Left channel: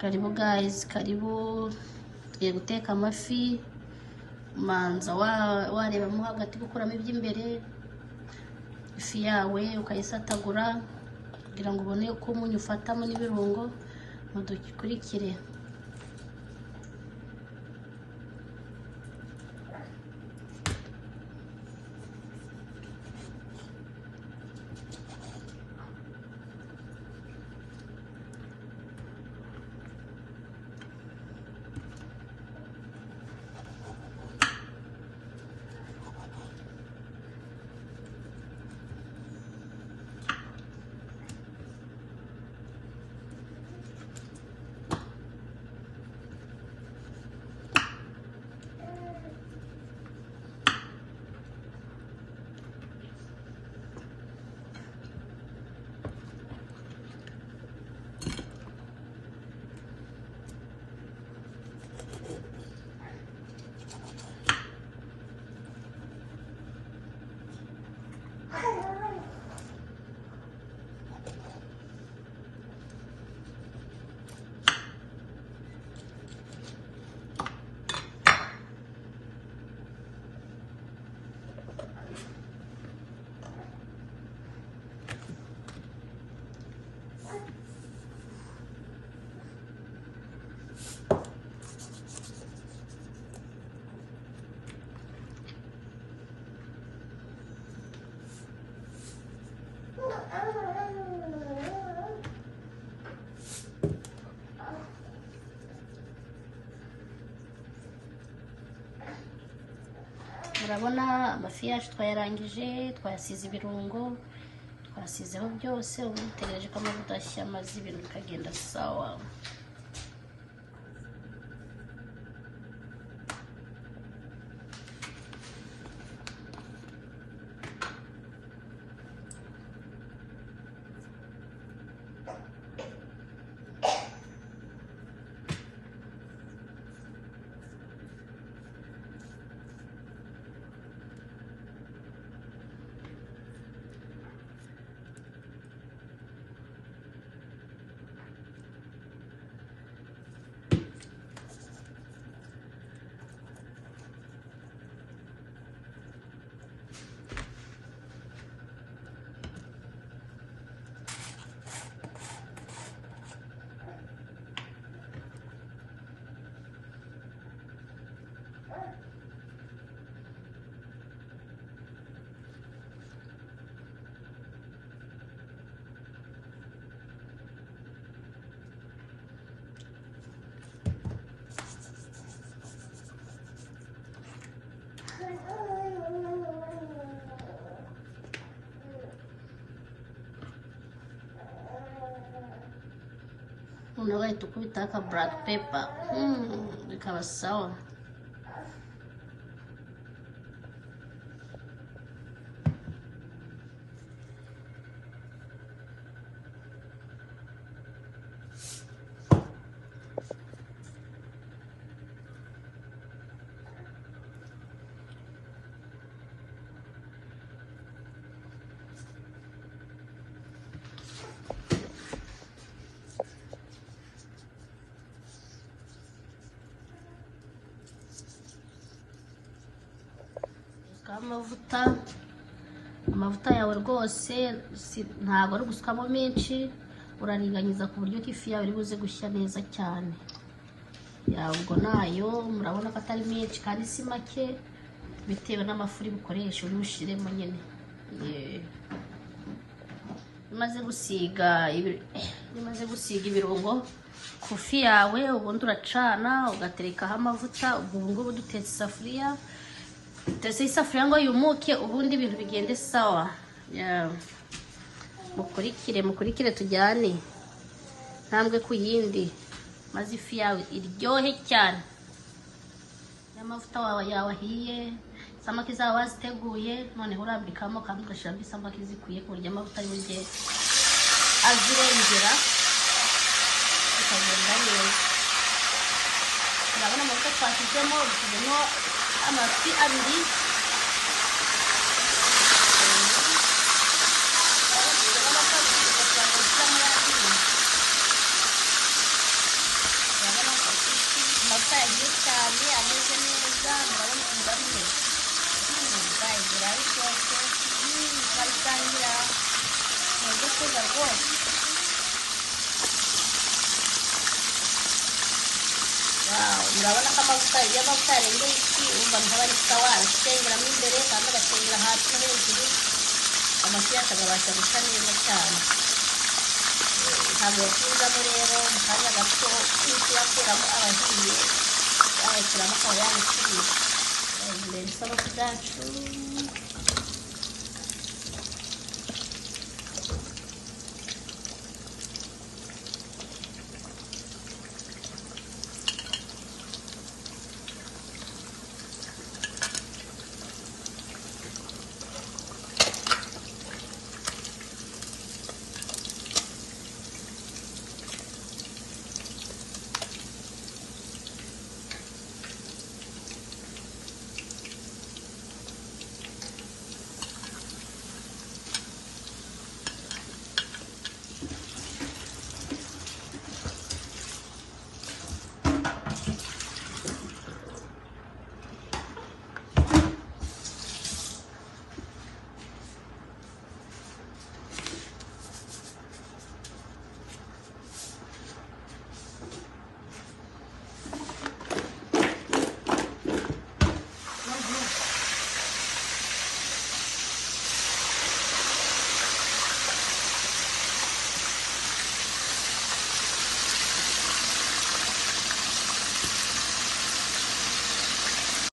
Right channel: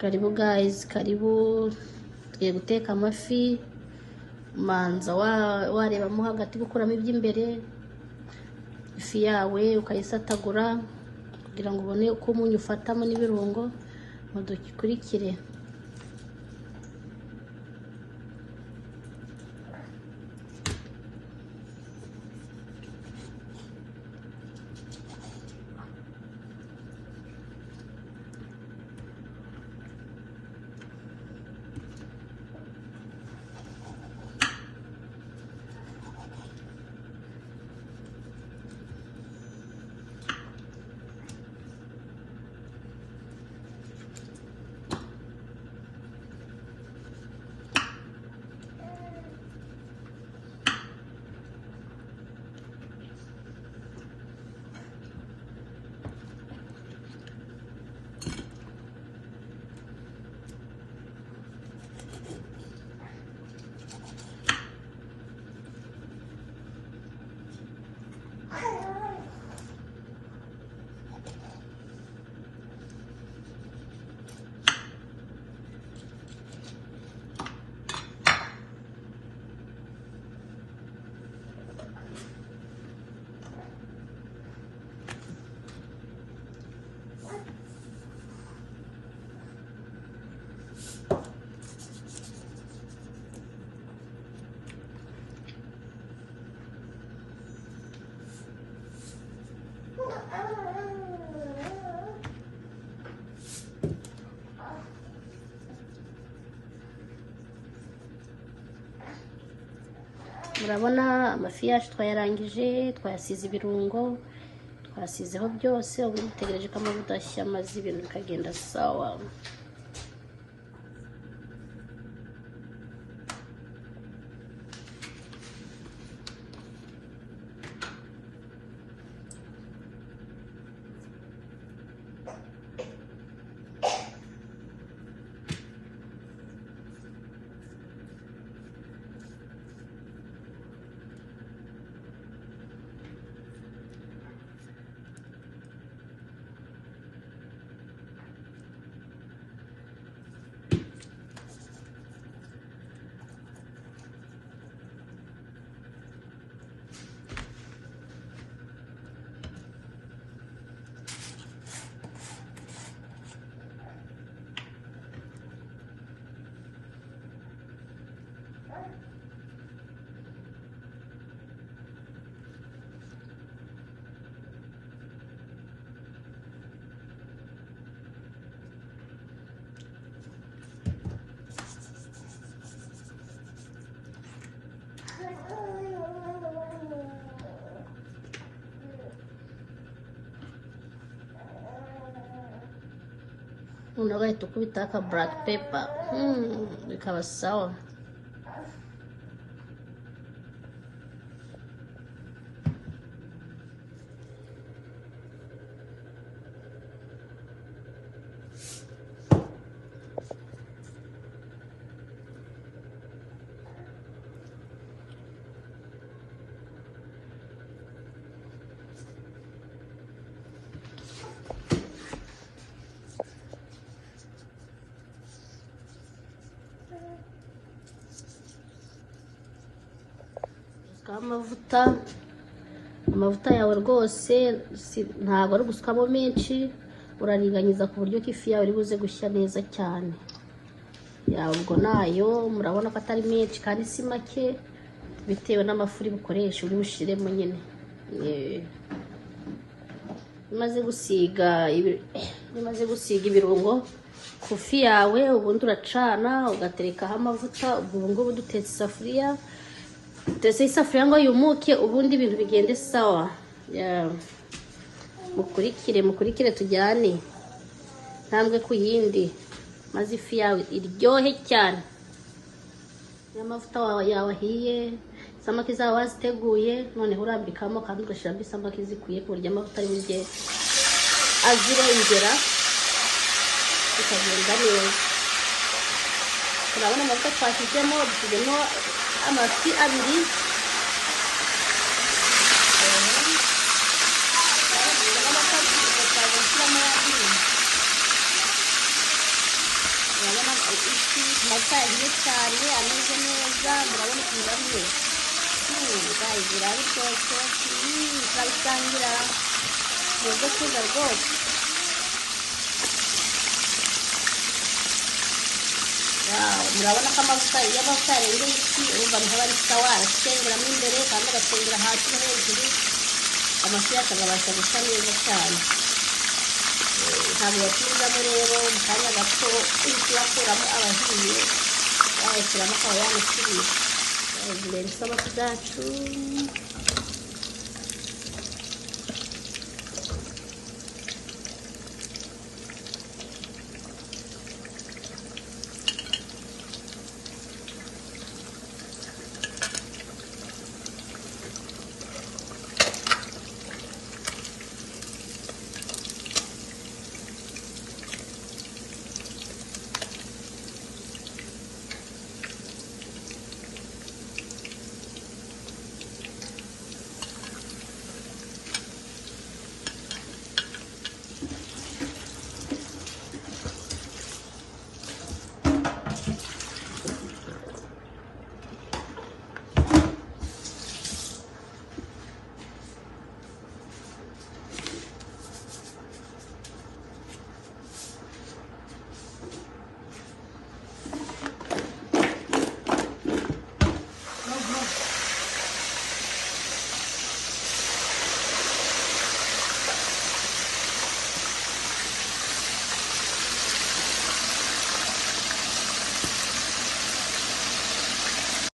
Karibu guys, karibu. Tugiye guteka amafi. Manza warebamo hagati gukuramo iby'imbere. Ifi yawe ukayisatagura kugira ngo ubone uko umunyu ufatamo n'ibirungo. Mudukurikire. Murabona amafi yacu twayarangije, twasize ibirungo, twasizeho byose. Ubu dutegereje ko amavuta ashya maze ibintu bikagenda sawa. Unaweza tukubita black pepper. Bikaba sawa. Amavuta yawe rwose ntabwo ari gusukamo menshi, uraringaniza ku buryo ifi yawe iri buze gushya neza cyane. Ubwo nayo murabona ko atari menshi kandi si make, bitewe n'amafuri bukoresha uri bushiremo nyine. Maze gusiga ibirungo ku ifi yawe, ubundi uracana ugaterekaho amavuta. Ubu ngubu dutetse isafuriya. Tese isafuriya ngo yumuke, ubundi ibintu bigende sawa. Mukurikire tujyane ntambwe ku yindi, maze ifi yawe iryohe cyane. Amavuta yawe ahiye, samaki zawe waziteguye, noneho urambikamo kandi ugashyiramo isamaki zikwiye ku buryo amavuta y'ibiryo azirengera bikagenda neza. Urabona amavuta twashyizemo, dushyizemo amafi abiri. amafi akabasha gusa neza cyane. Ntabwo yakurwamo rero mu kanya gato uri kuyakuramo ahiye, agashyiramo akaba yabisubiza. Ubu rero isabati zacu